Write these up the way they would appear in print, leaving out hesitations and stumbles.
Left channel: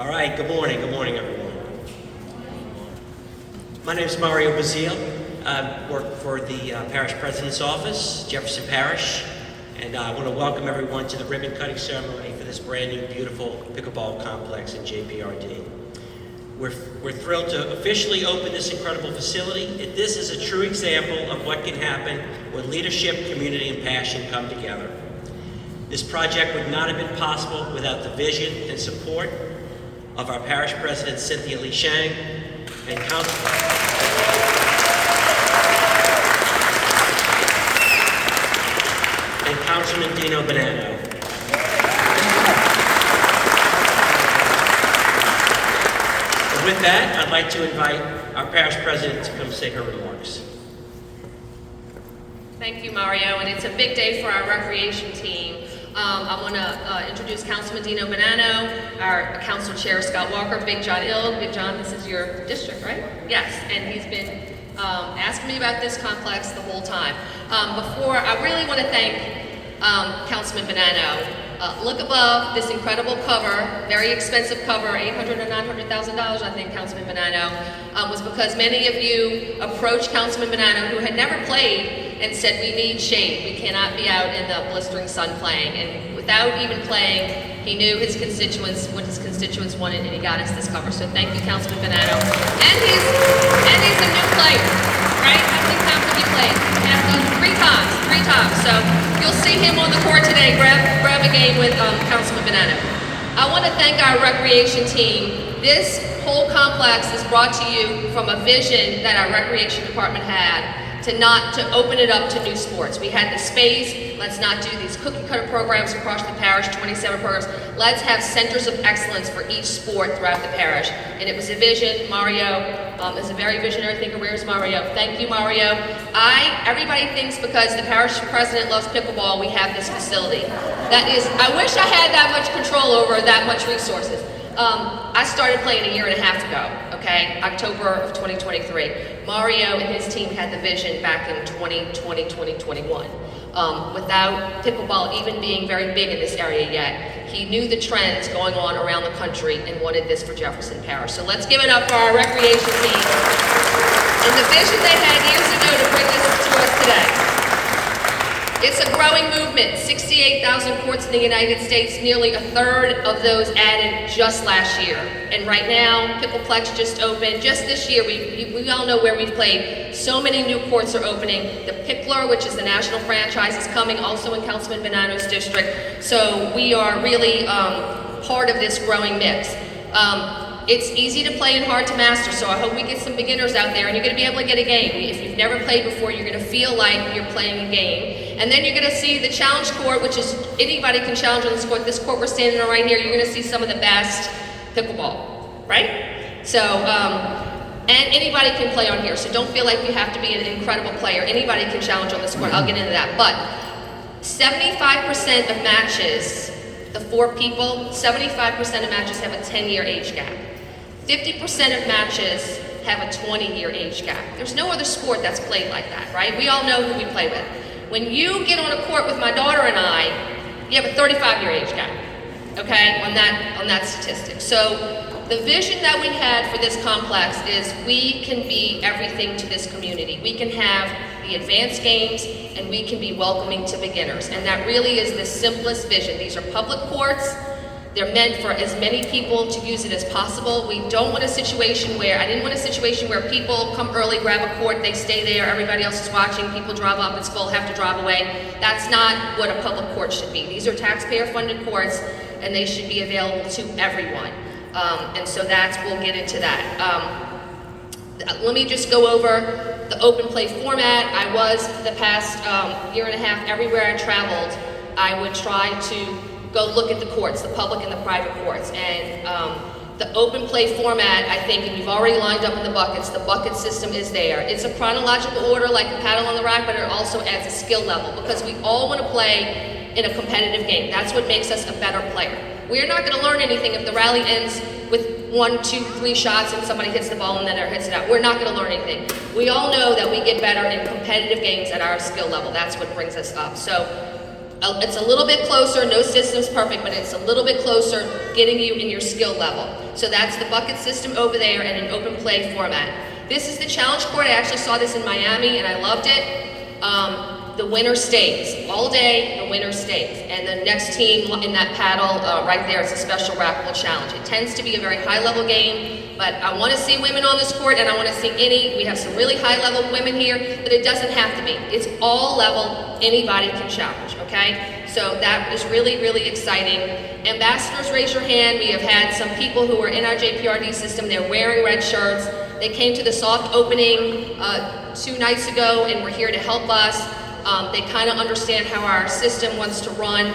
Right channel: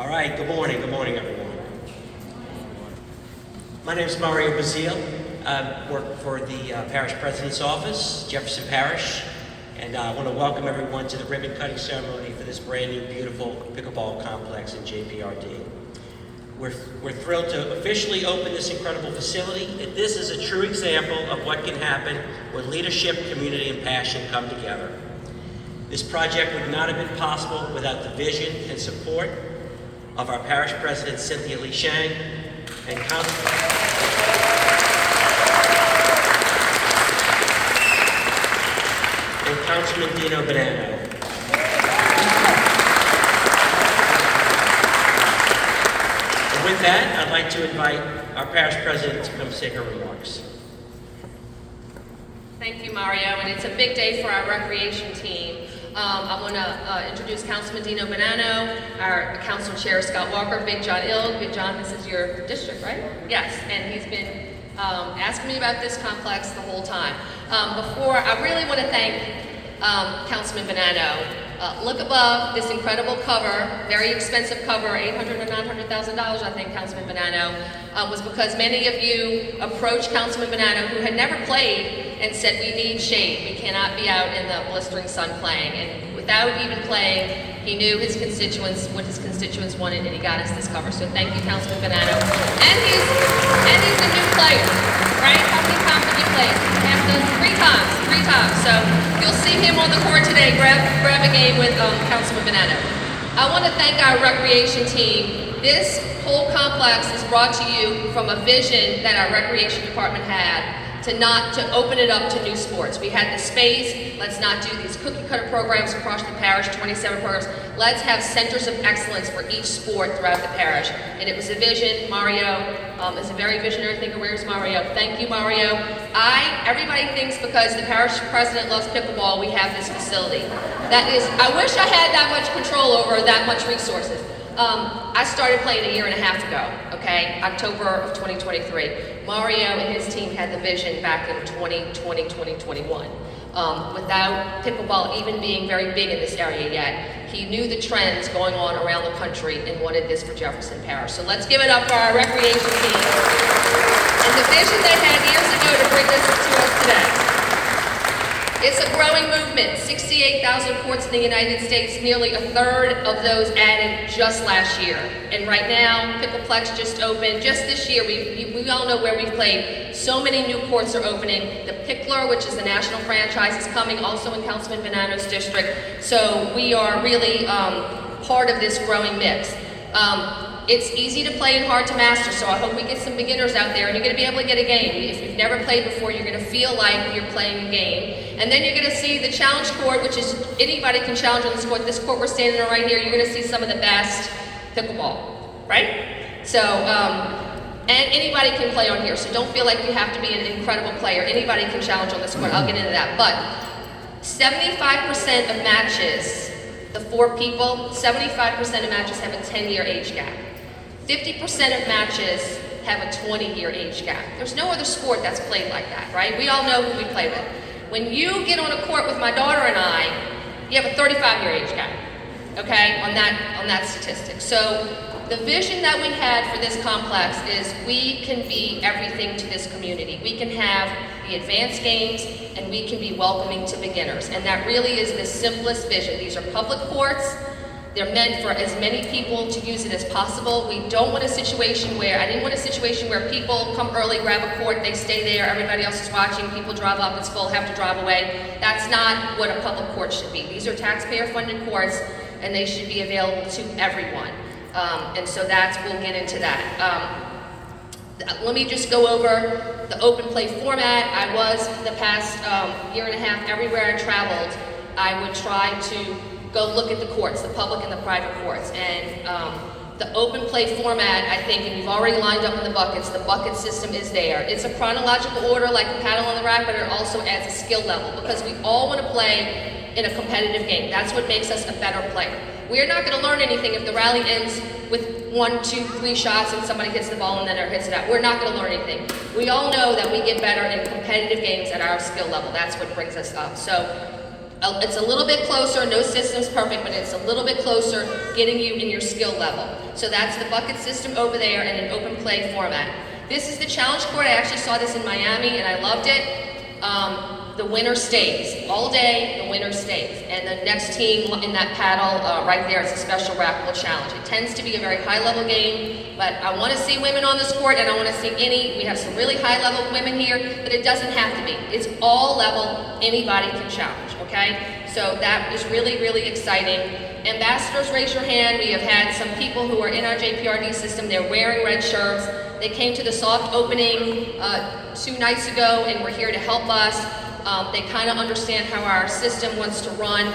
All right, good morning everyone. My name is Mario Bazile. I work for the Parish President's Office, Jefferson Parish, and I want to welcome everyone to the ribbon cutting ceremony for this brand new, beautiful pickleball complex in JPRD. We're thrilled to officially open this incredible facility. This is a true example of what can happen where leadership, community, and passion come together. This project would not have been possible without the vision and support of our Parish President, Cynthia Lee Shang, and Councilman Dino Bonanno. And with that, I'd like to invite our Parish President to come say her remarks. Thank you, Mario, and it's a big day for our recreation team. I want to introduce Councilman Dino Bonanno, our Council Chair Scott Walker, Big John Ild. Big John, this is your district, right? Yes, and he's been asking me about this complex the whole time. Before, I really want to thank Councilman Bonanno. Look above this incredible cover, very expensive cover, $800,000 or $900,000, I think, Councilman Bonanno, was because many of you approached Councilman Bonanno, who had never played, and said, we need shade. We cannot be out in the blistering sun playing. And without even playing, he knew his constituents, what his constituents wanted, and he got us this cover. So thank you, Councilman Bonanno. And he's a new player, right? How many times have you played? Three times. So you'll see him on the court today. Grab a game with Councilman Bonanno. I want to thank our recreation team. This whole complex is brought to you from a vision that our recreation department had to open it up to new sports. We had the space. Let's not do these cookie cutter programs across the parish, 27 programs. Let's have centers of excellence for each sport throughout the parish. And it was a vision. Mario is a very visionary thinker. Where's Mario? Thank you, Mario. Everybody thinks because the parish president loves pickleball, we have this facility. I wish I had that much control over that much resources. I started playing a year and a half ago, okay? October of 2023. Mario and his team had the vision back in 2020, 2021. Without pickleball even being very big in this area yet, he knew the trends going on around the country and wanted this for Jefferson Parish. So let's give it up for our recreation team and the vision they had years ago to bring this to us today. It's a growing movement. 68,000 courts in the United States, nearly a third of those added just last year. And right now, Pickleplex just opened. Just this year, we all know where we've played. So many new courts are opening. The Pickler, which is the national franchise, is coming also in Councilman Bonanno's district. So we are really part of this growing mix. It's easy to play and hard to master, so I hope we get some beginners out there, and you're going to be able to get a game. If you've never played before, you're going to feel like you're playing a game. And then you're going to see the challenge court, which is anybody can challenge on this court. This court we're standing on right here, you're going to see some of the best pickleball, right? So, and anybody can play on here, so don't feel like you have to be an incredible player. Anybody can challenge on this court. I'll get into that. But 75% of matches, the 4 people, 75% of matches have a 10-year age gap. 50% of matches have a 20-year age gap. There's no other sport that's played like that, right? We all know who we play with. When you get on a court with my daughter and I, you have a 35-year age gap, okay, on that statistic. So the vision that we had for this complex is we can be everything to this community. We can have the advanced games, and we can be welcoming to beginners. And that really is the simplest vision. These are public courts. They're meant for as many people to use it as possible. We don't want a situation where, I didn't want a situation where people come early, grab a court, they stay there, everybody else is watching, people drive up, it's full, have to drive away. That's not what a public court should be. These are taxpayer-funded courts, and they should be available to everyone. And so we'll get into that. Let me just go over the open play format. I was, the past year and a half, everywhere I traveled, I would try to go look at the courts, the public and the private courts. And the open play format, I think, and we've already lined up in the buckets, the bucket system is there. It's a chronological order like a paddle on the rack, but it also adds a skill level because we all want to play in a competitive game. That's what makes us a better player. We're not going to learn anything if the rally ends with 1, 2, 3 shots and somebody hits the ball and then it hits it out. We're not going to learn anything. We all know that we get better in competitive games at our skill level. That's what brings us up. So it's a little bit closer. No system's perfect, but it's a little bit closer getting you in your skill level. So that's the bucket system over there and an open play format. This is the challenge court. I actually saw this in Miami and I loved it. The winner stays. All day, the winner stays. And the next team in that paddle right there is a special rackable challenge. It tends to be a very high-level game, but I want to see women on this court, and I want to see we have some really high-level women here, but it doesn't have to be. It's all level, anybody can challenge, okay? So that is really, really exciting. Ambassadors, raise your hand. We have had some people who are in our JPRD system. They're wearing red shirts. They came to the soft opening 2 nights ago and were here to help us. They kind of understand how our system wants to run,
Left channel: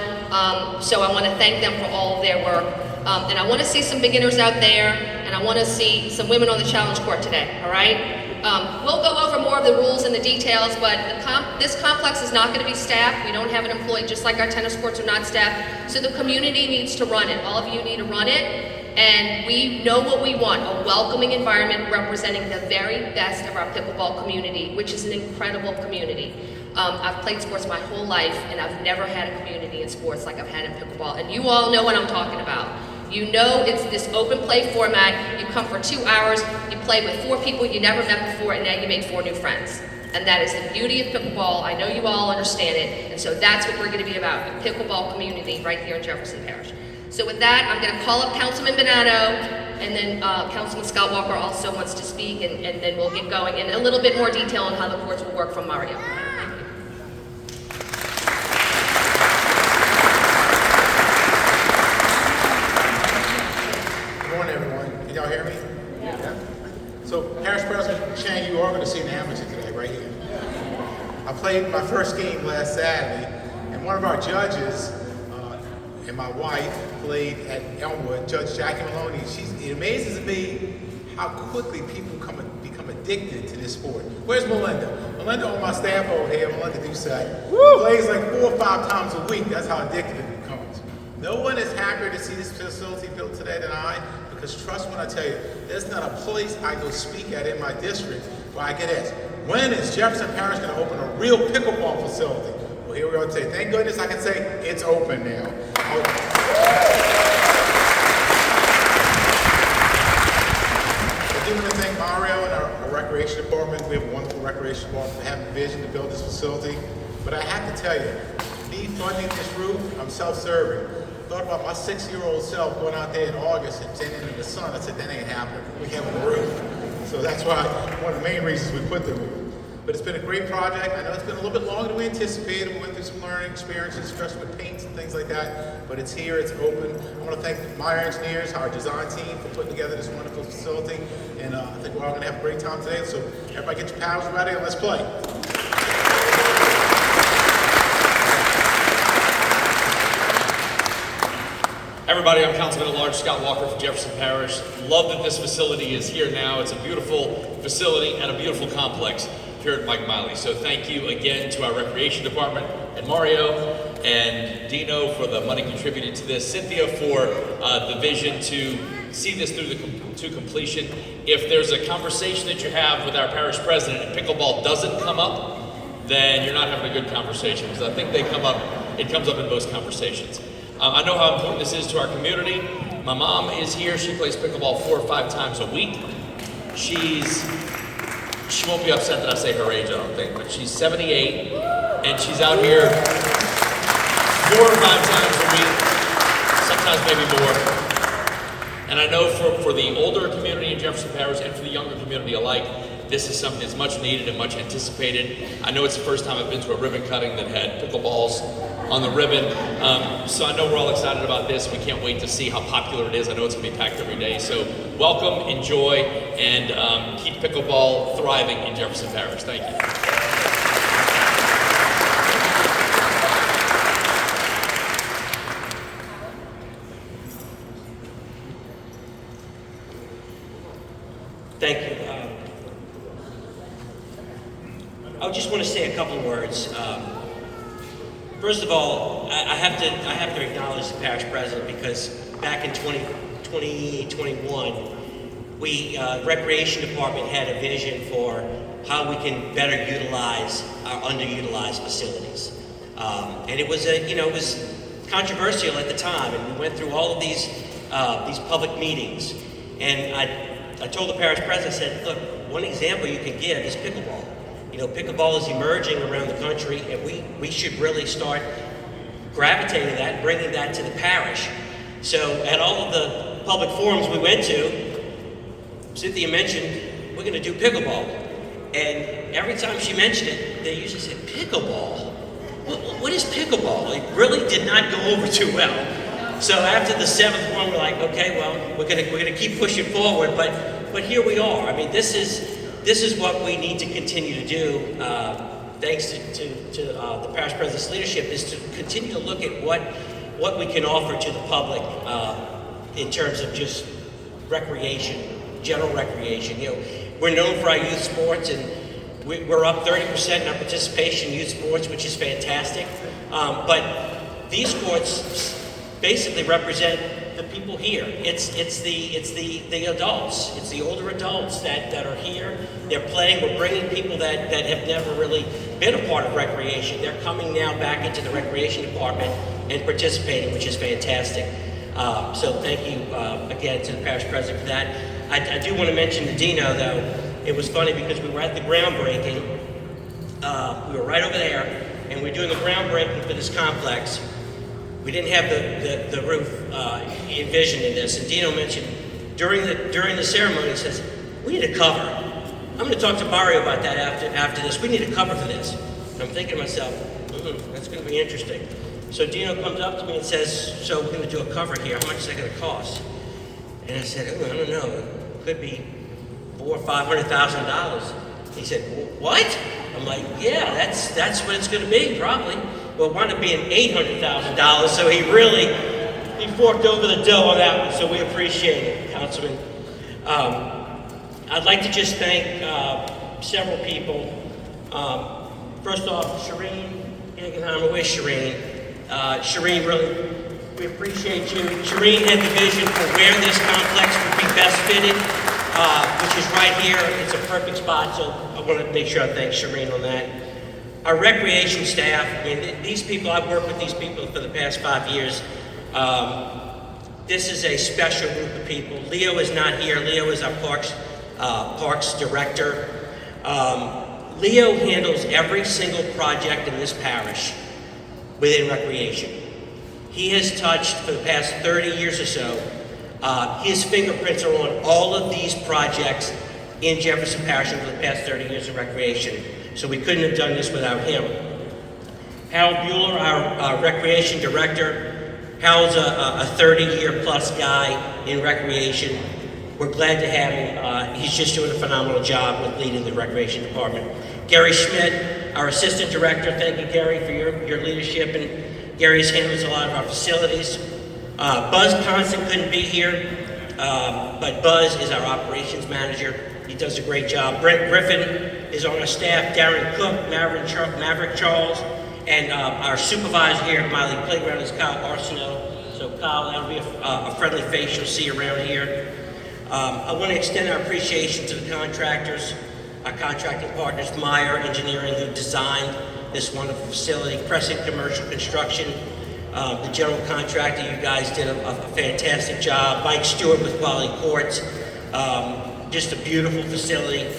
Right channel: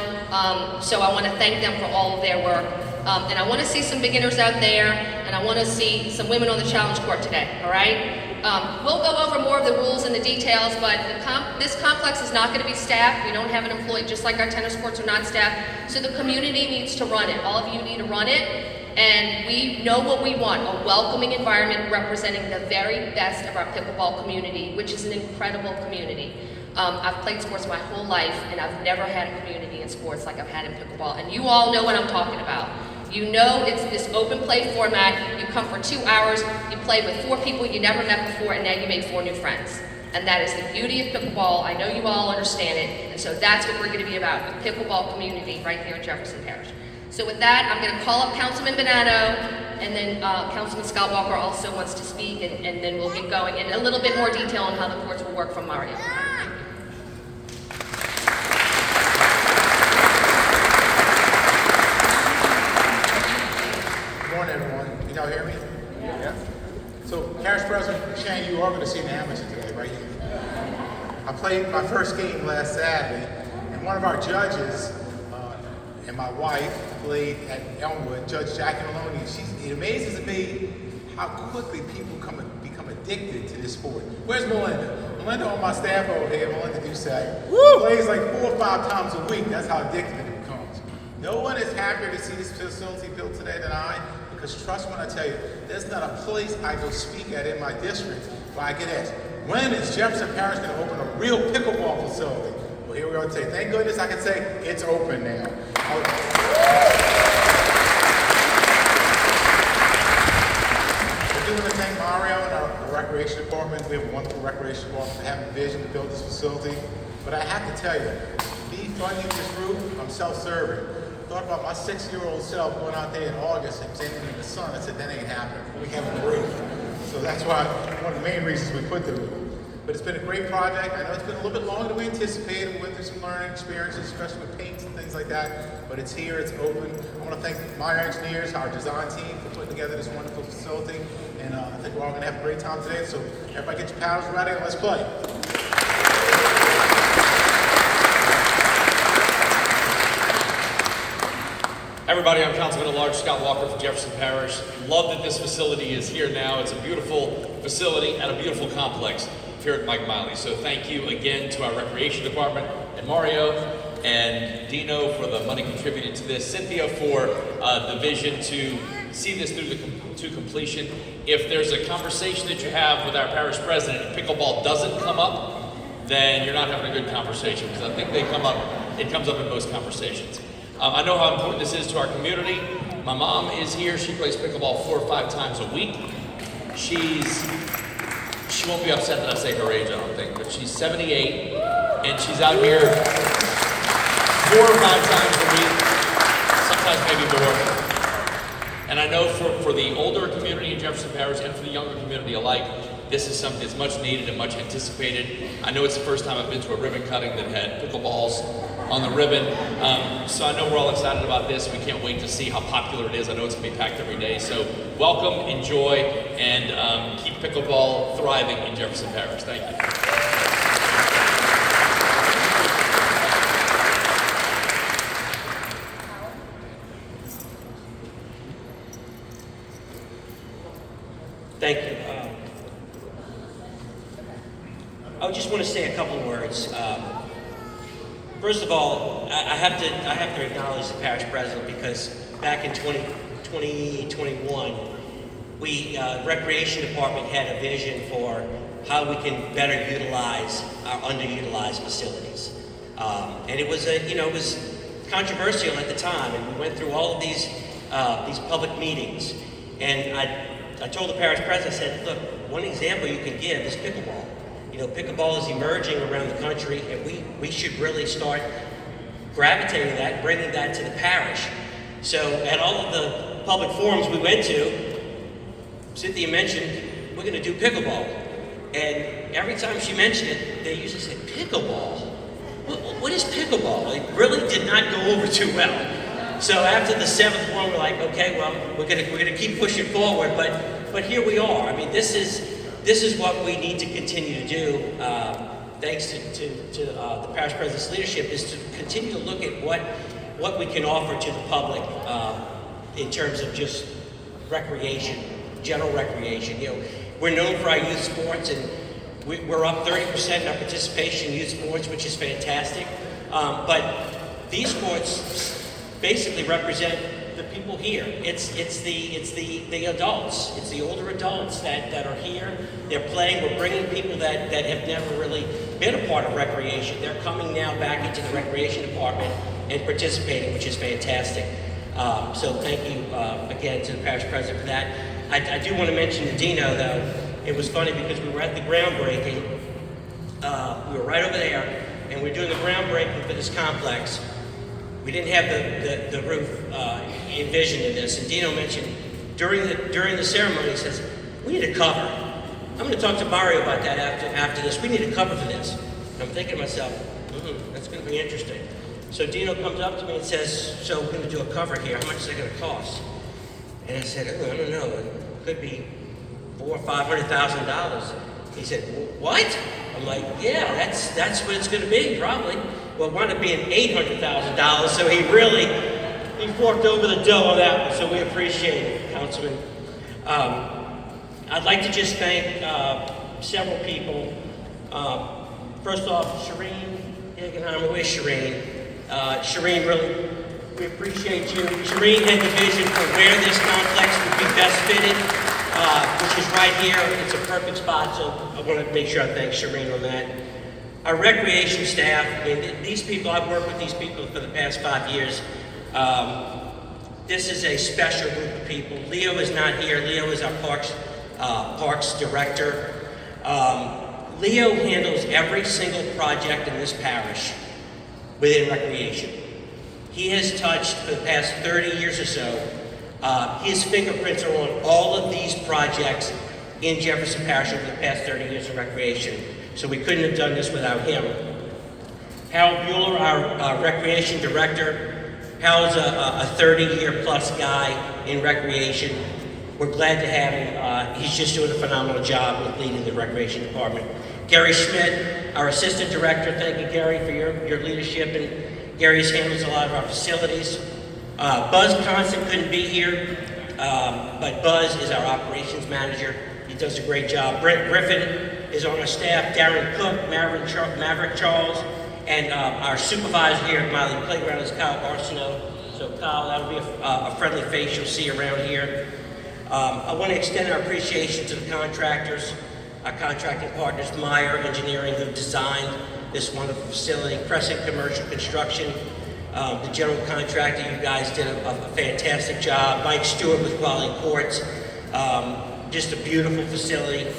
so I want to thank them for all of their work. And I want to see some beginners out there, and I want to see some women on the challenge court today, all right? We'll go over more of the rules and the details, but this complex is not going to be staffed. We don't have an employee, just like our tennis courts are not staffed, so the community needs to run it. All of you need to run it. And we know what we want, a welcoming environment representing the very best of our pickleball community, which is an incredible community. I've played sports my whole life, and I've never had a community in sports like I've had in pickleball. And you all know what I'm talking about. You know it's this open play format. You come for 2 hours, you play with 4 people you never met before, and now you made 4 new friends. And that is the beauty of pickleball. I know you all understand it, and so that's what we're going to be about, a pickleball community right here in Jefferson Parish. So with that, I'm going to call up Councilman Bonanno, and then Councilman Scott Walker also wants to speak, and then we'll get going in a little bit more detail on how the courts will work from Mario. Good morning, everyone. Can y'all hear me? Yeah. So, Parish President Shane, you are going to see an amateur today, right here. I played my first game last Saturday, and one of our judges and my wife played at Elmwood, Judge Jackie Maloney. It amazes me how quickly people become addicted to this sport. Where's Melinda? Melinda on my staff over here, Melinda Dussac, plays like 4 or 5 times a week. That's how addicted it becomes. No one is happier to see this facility built today than I, because trust when I tell you, there's not a place I go speak at in my district where I get asked, when is Jefferson Parish going to open a real pickleball facility? Well, here we are today. Thank goodness I can say it's open now. I do want to thank Mario and our recreation department. We have a wonderful recreation department for having a vision to build this facility. But I have to tell you, me funding this roof, I'm self-serving. Thought about my 6-year-old self going out there in August and standing in the sun. I said, that ain't happening. We have a roof. So that's why one of the main reasons we put the roof. But it's been a great project. I know it's been a little bit longer than we anticipated. We went through some learning experiences, especially with paints and things like that. But it's here, it's open. I want to thank my engineers, our design team for putting together this wonderful facility. And I think we're all going to have a great time today. So everybody get your paddles ready and let's play. Everybody, I'm Councilman at Large Scott Walker for Jefferson Parish. Love that this facility is here now. It's a beautiful facility and a beautiful complex here at Mike Miley. So thank you again to our Recreation Department and Mario and Dino for the money contributed to this, Cynthia for the vision to see this through to completion. If there's a conversation that you have with our parish president and pickleball doesn't come up, then you're not having a good conversation, because I think it comes up in most conversations. I know how important this is to our community. My mom is here. She plays pickleball 4 or 5 times a week. She won't be upset that I say her age, I don't think, but she's 78, and she's out here 4 or 5 times a week, sometimes maybe more. And I know for the older community in Jefferson Parish and for the younger community alike, this is something that's much needed and much anticipated. I know it's the first time I've been to a ribbon cutting that had pickleballs on the ribbon. So I know we're all excited about this. We can't wait to see how popular it is. I know it's going to be packed every day. So welcome, enjoy, and keep pickleball thriving in Jefferson Parish. Thank you. Thank you. I just want to say a couple words. First of all, I have to acknowledge the parish president, because back in 2021, we Recreation Department had a vision for how we can better utilize our underutilized facilities, and it was it was controversial at the time, and we went through all of these public meetings. And I told the parish president, I said, look, one example you can give is pickleball. You know, pickleball is emerging around the country, and we should really start gravitating that, bringing that to the parish. So at all of the public forums we went to, Cynthia mentioned, we're going to do pickleball. And every time she mentioned it, they usually say, pickleball? What is pickleball? It really did not go over too well. So after the 7th one, we're like, okay, well, we're gonna keep pushing forward, but here we are. I mean, this is what we need to continue to do. Thanks to the parish president's leadership, is to continue to look at what we can offer to the public in terms of just recreation, general recreation. You know, we're known for our youth sports, and we're up 30% in our participation in youth sports, which is fantastic. But these sports basically represent the people here. It's the adults. It's the older adults that are here. They're playing. We're bringing people that have never really been a part of recreation. They're coming now back into the recreation department and participating, which is fantastic. So thank you again to the parish president for that. I do want to mention the Dino, though. It was funny because we were at the groundbreaking. We were right over there, and we were doing the groundbreaking for this complex. We didn't have the roof envisioned in this, and Dino mentioned during the ceremony, he says, we need a cover. I'm going to talk to Mario about that after this. We need a cover for this. And I'm thinking to myself, that's going to be interesting. So Dino comes up to me and says, so we're going to do a cover here. How much is that going to cost? And I said, I don't know. It could be $400,000 or $500,000. He said, what? I'm like, yeah, that's what it's going to be, probably. Well, it wound up being $800,000, so he forked over the dough on that one, so we appreciate it, Councilman. I'd like to just thank several people. First off, Shireen Higginhammer, where's Shireen? Shireen, really, we appreciate you. Shireen had the vision for where this complex would be best fitted, which is right here. It's a perfect spot, so I want to make sure I thank Shireen on that. Our recreation staff, and these people, I've worked with these people for the past 5 years. This is a special group of people. Leo is not here. Leo is our parks director. Leo handles every single project in this parish within recreation. He has touched, for the past 30 years or so, his fingerprints are on all of these projects in Jefferson Parish over the past 30 years of recreation. So we couldn't have done this without him. Harold Bueller, our recreation director. Harold's a 30-year plus guy in recreation. We're glad to have him. He's just doing a phenomenal job with leading the recreation department. Gary Schmidt, our assistant director. Thank you, Gary, for your leadership. And Gary's handles a lot of our facilities. Buzz Constant couldn't be here, but Buzz is our operations manager. He does a great job. Brent Griffin is on our staff. Darren Cook, Maverick Charles, and our supervisor here at Miley Playground is Kyle Arsenault. So Kyle, that'll be a friendly face you'll see around here. I want to extend our appreciation to the contractors, our contracting partners, Meyer Engineering, who designed this wonderful facility, Crescent Commercial Construction, the general contractor. You guys did a fantastic job. Mike Stewart with Quality Courts. Just a beautiful facility.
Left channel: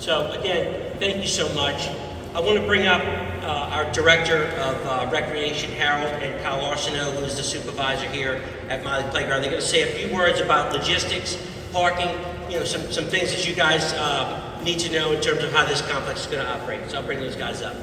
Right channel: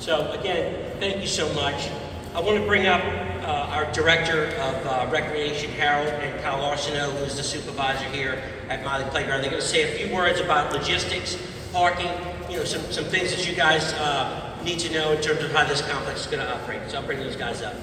So again, thank you so much. I want to bring up our Director of Recreation, Harold, and Kyle Arsenault, who is the supervisor here at Miley Playground. They're going to say a few words about logistics, parking, some things that you guys need to know in terms of how this complex is going to operate. So I'll bring these guys up.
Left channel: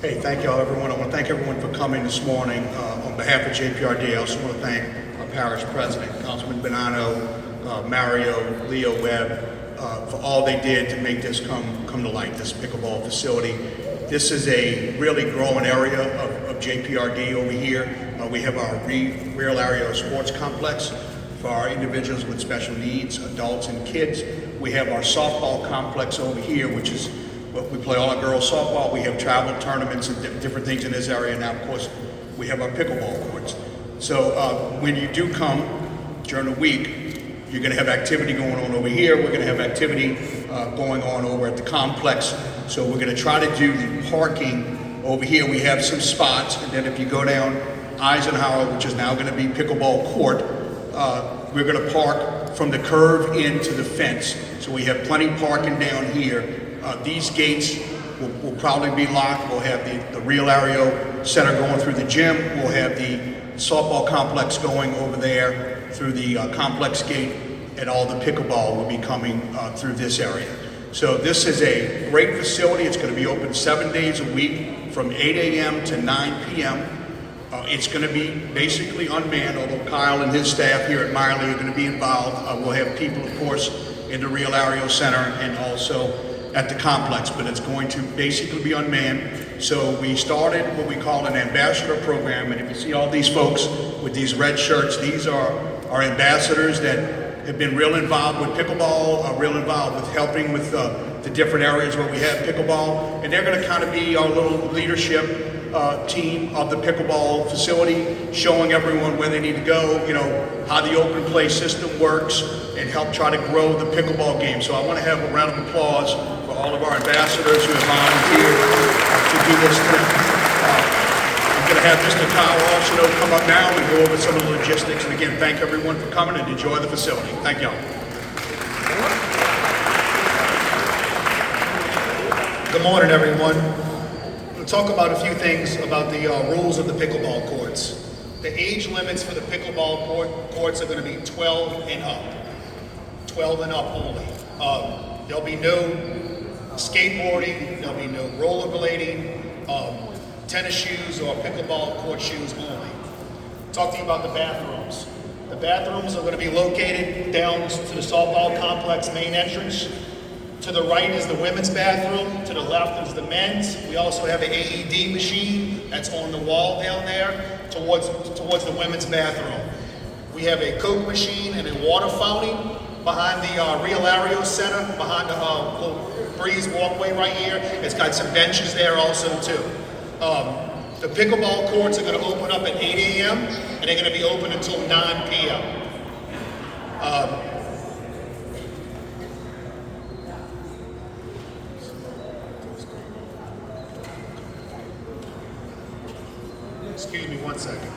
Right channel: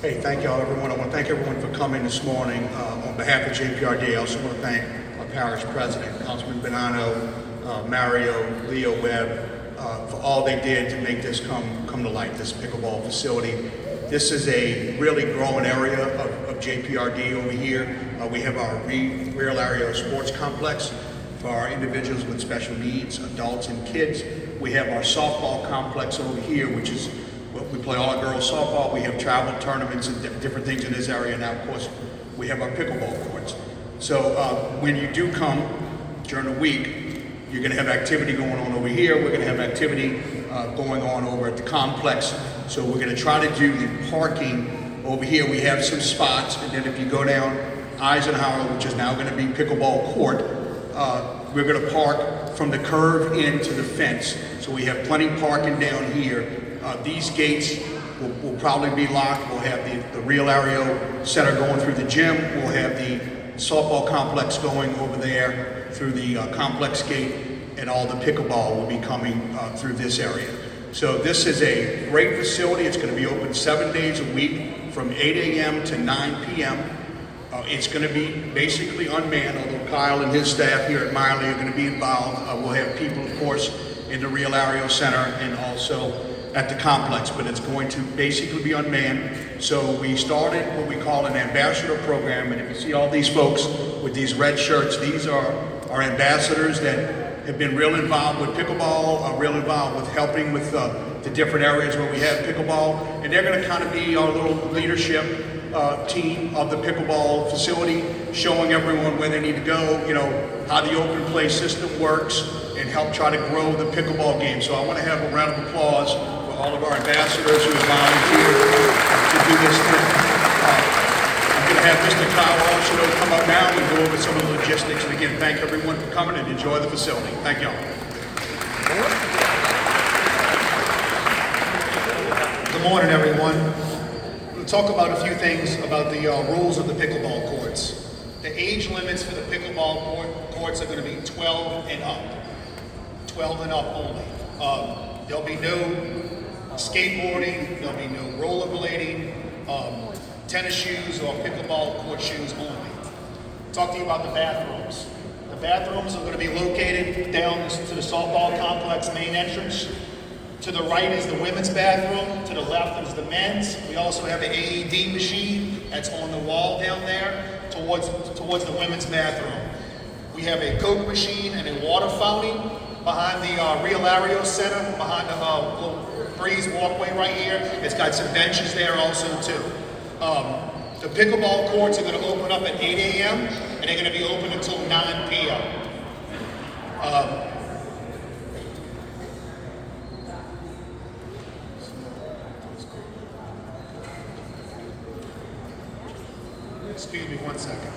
Hey, thank y'all, everyone. I want to thank everyone for coming this morning. On behalf of JPRD, I also want to thank our parish president, Councilman Bonanno, Mario, Leo Webb, for all they did to make this come to light, this pickleball facility. This is a really growing area of JPRD over here. We have our real area sports complex for our individuals with special needs, adults and kids. We have our softball complex over here, which is we play all our girls softball. We have travel tournaments and different things in this area. Now, of course, we have our pickleball courts. So when you do come during the week, you're going to have activity going on over here. We're going to have activity going on over at the complex. So we're going to try to do the parking over here we have some spots, and then if you go down Eisenhower, which is now going to be pickleball court, we're going to park from the curve into the fence. So we have plenty parking down here. These gates will probably be locked. We'll have the Real Aereo Center going through the gym. We'll have the softball complex going over there through the complex gate, and all the pickleball will be coming through this area. So this is a great facility. It's going to be open 7 days a week from 8 a.m. to 9 p.m. It's going to be basically unmanned, although Kyle and his staff here at Miley are going to be involved. We'll have people, of course, in the Real Aereo Center and also at the complex, but it's going to basically be unmanned. So we started what we call an ambassador program, and you can see all these folks with these red shirts. These are our ambassadors that have been real involved with pickleball, real involved with helping with the different areas where we have pickleball, and they're going to kind of be our little leadership team of the pickleball facility, showing everyone where they need to go, you know, how the open play system works, and help try to grow the pickleball game. So I want to have a round of applause for all of our ambassadors who have volunteered to do this thing. I'm going to have Mr. Kyle Arsenault come up now and go over some of the logistics. And again, thank everyone for coming and enjoy the facility. Thank y'all. Good morning, everyone. We'll talk about a few things about the rules of the pickleball courts. The age limits for the pickleball courts are going to be 12 and up. 12 and up only. There'll be no skateboarding, there'll be no rollerblading, tennis shoes or pickleball court shoes only. Talk to you about the bathrooms. The bathrooms are going to be located down to the softball complex main entrance. To the right is the women's bathroom, to the left is the men's. We also have an AED machine that's on the wall down there towards the women's bathroom. We have a Coke machine and a water fountain behind the Real Aereo Center, behind the little breeze walkway right here. It's got some benches there also too. The pickleball courts are going to open up at 8 a.m. and they're going to be open until 9 p.m. Excuse me 1 second.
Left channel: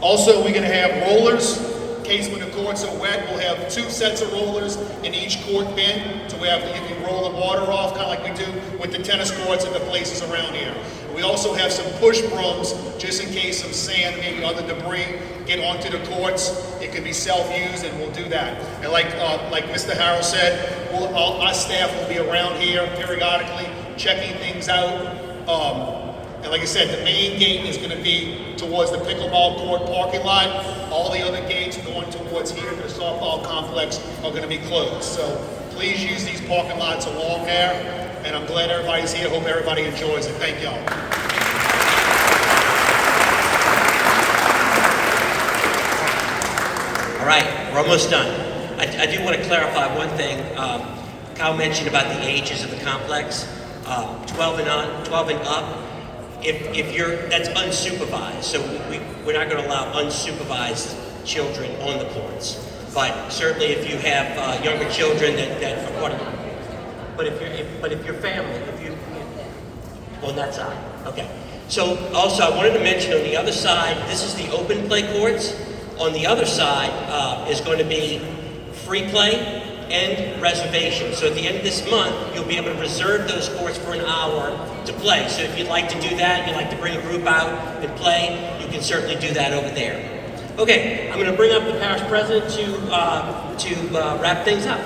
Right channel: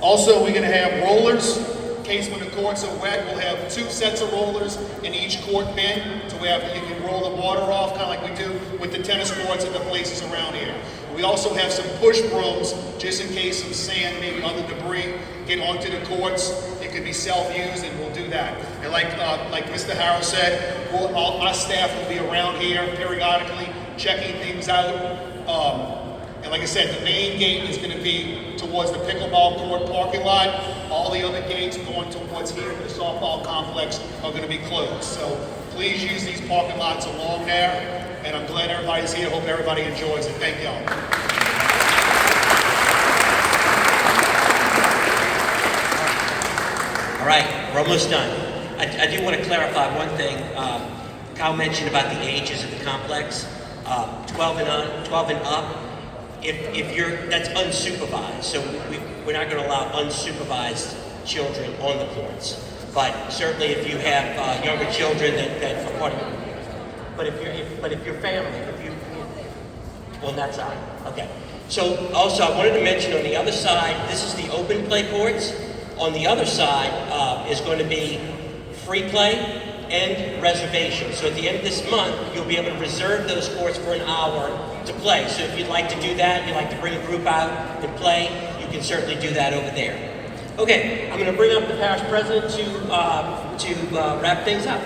Also, we're going to have rollers. In case when the courts are wet, we'll have 2 sets of rollers in each court bin. So you can roll the water off, kind of like we do with the tennis courts and the places around here. We also have some push brooms, just in case some sand, maybe other debris, get onto the courts. It could be self-used, and we'll do that. And like Mr. Harris said, our staff will be around here periodically, checking things out. And like I said, the main gate is going to be towards the pickleball court parking lot. All the other gates going towards here for the softball complex are going to be closed. So please use these parking lots along there. And I'm glad everybody's here. Hope everybody enjoys it. Thank y'all. All right, we're almost done. I do want to clarify one thing. Kyle mentioned about the ages of the complex. 12 and up. If you're, that's unsupervised, so we're not going to allow unsupervised children on the courts. But certainly, if you have younger children that are part of it, but if your family, on that side, okay. So also, I wanted to mention on the other side, this is the open play courts. On the other side is going to be free play and reservation. So at the end of this month, you'll be able to reserve those courts for an hour to play. So if you'd like to do that, you'd like to bring a group out and play, you can certainly do that over there. Okay, I'm going to bring up the parish president to wrap things up.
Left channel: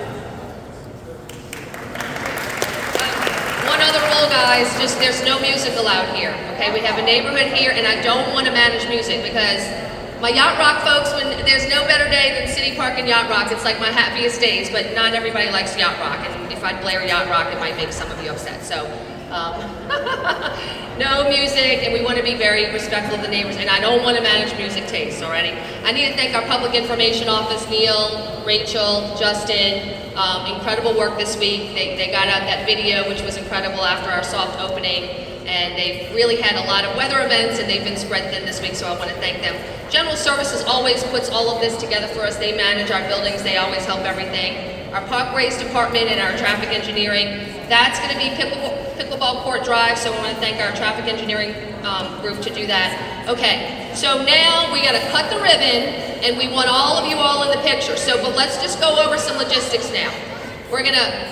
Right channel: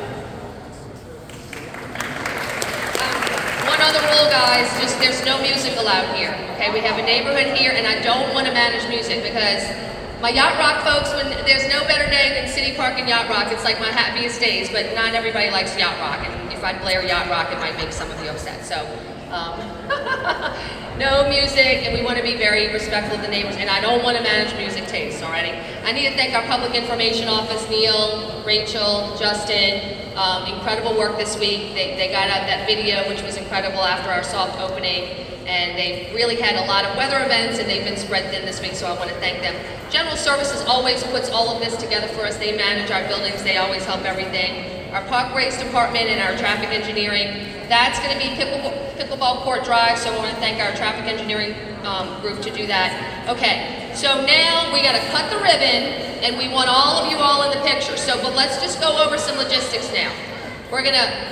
One other rule, guys, just there's no music allowed here, okay? We have a neighborhood here, and I don't want to manage music because my Yacht Rock folks, when there's no better day than City Park and Yacht Rocks, it's like my happiest days, but not everybody likes Yacht Rock, and if I blare Yacht Rock, it might make some of you upset, so no music, and we want to be very respectful of the neighbors, and I don't want to manage music tastes, alrighty? I need to thank our Public Information Office, Neil, Rachel, Justin, incredible work this week. They got out that video, which was incredible after our soft opening, and they really had a lot of weather events, and they've been spread thin this week, so I want to thank them. General Services always puts all of this together for us. They manage our buildings. They always help everything. our park race department and our traffic engineering. That's going to be pickleball court drive, so I want to thank our traffic engineering group to do that. Okay, so now we got to cut the ribbon, and we want all of you all in the picture. So, but let's just go over some logistics now. We're going to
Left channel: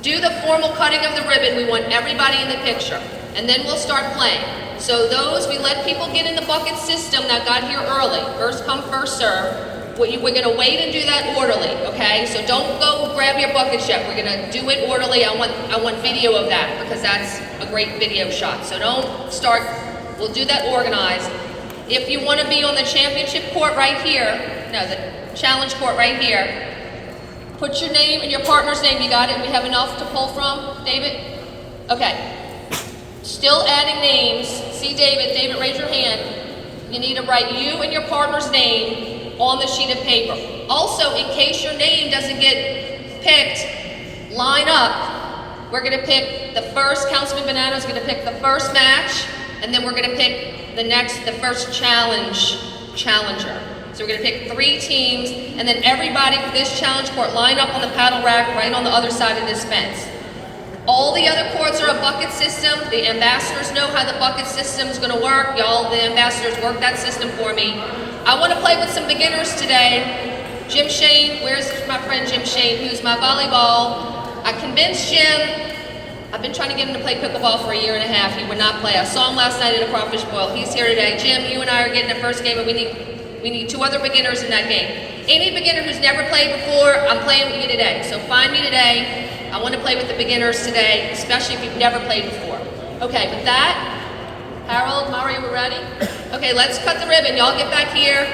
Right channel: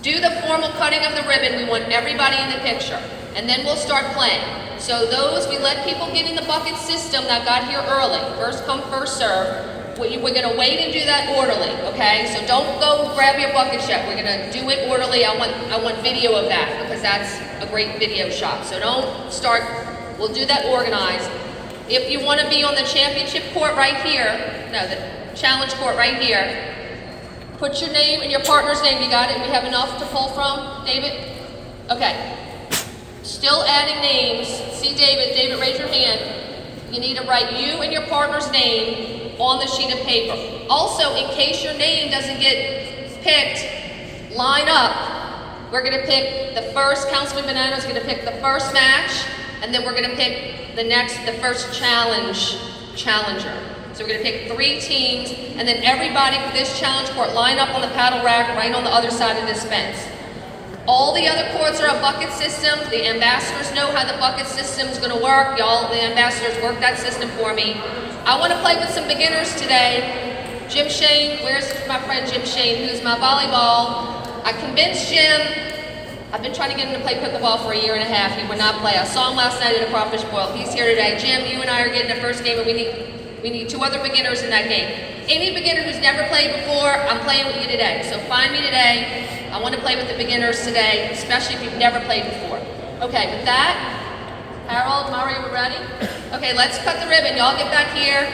do the formal cutting of the ribbon. We want everybody in the picture, and then we'll start playing. So those, we let people get in the bucket system that got here early. First come, first serve. We're going to wait and do that orderly, okay? So don't go grab your buckets yet. We're going to do it orderly. I want video of that because that's a great video shot. So don't start. We'll do that organized. If you want to be on the championship court right here, no, the challenge court right here, put your name and your partner's name. You got it? We have enough to pull from, David? Okay. Still adding names. See David. David, raise your hand. You need to write you and your partner's name on the sheet of paper. Also, in case your name doesn't get picked, line up. We're gonna pick the first, Councilman Bonanno's gonna pick the first match, and then we're gonna pick the first challenger. So we're gonna pick 3 teams, and then everybody for this challenge court line up on the paddle rack right on the other side of this fence. All the other courts are a bucket system. The ambassadors know how the bucket system is gonna work. Y'all, the ambassadors work that system for me. I want to play with some beginners today. Jim Shane, where's my friend Jim Shane, who's my volleyball? I convinced Jim. I've been trying to get him to play pickleball for 1.5 years. He would not play. I saw him last night at a crawfish boil. He's here today. Jim, you and I are getting the first game, and we need 2 other beginners in that game. Any beginner who's never played before, I'm playing with you today. So find me today. I want to play with the beginners today, especially if you've never played before. Okay, with that, Harold, Mari, we're ready? Okay, let's cut the ribbon. Y'all get back here.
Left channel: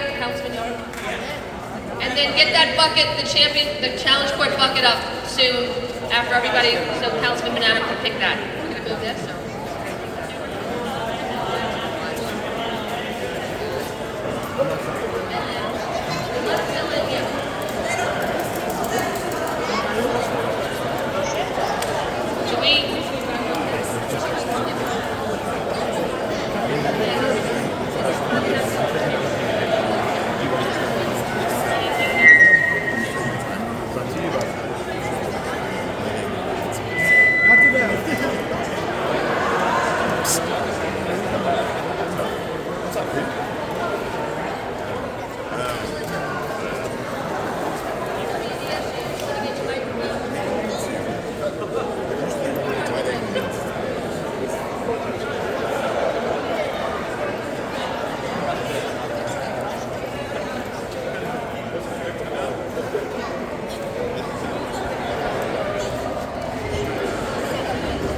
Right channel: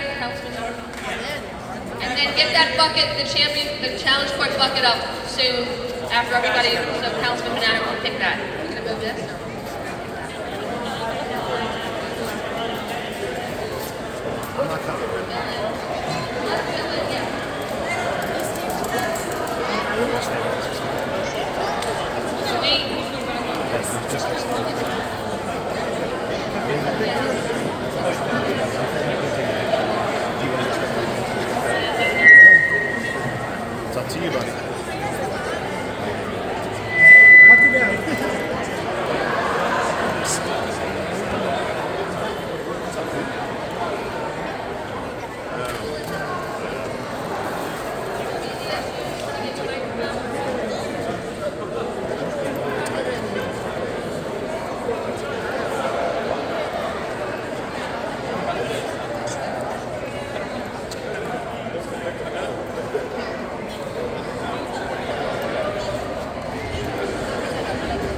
And then get that bucket, the challenge court bucket up soon after everybody, so Councilman Bonanno can pick that. Yes?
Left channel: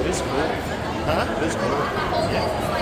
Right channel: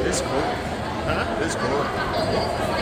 This cool. Huh? This cool.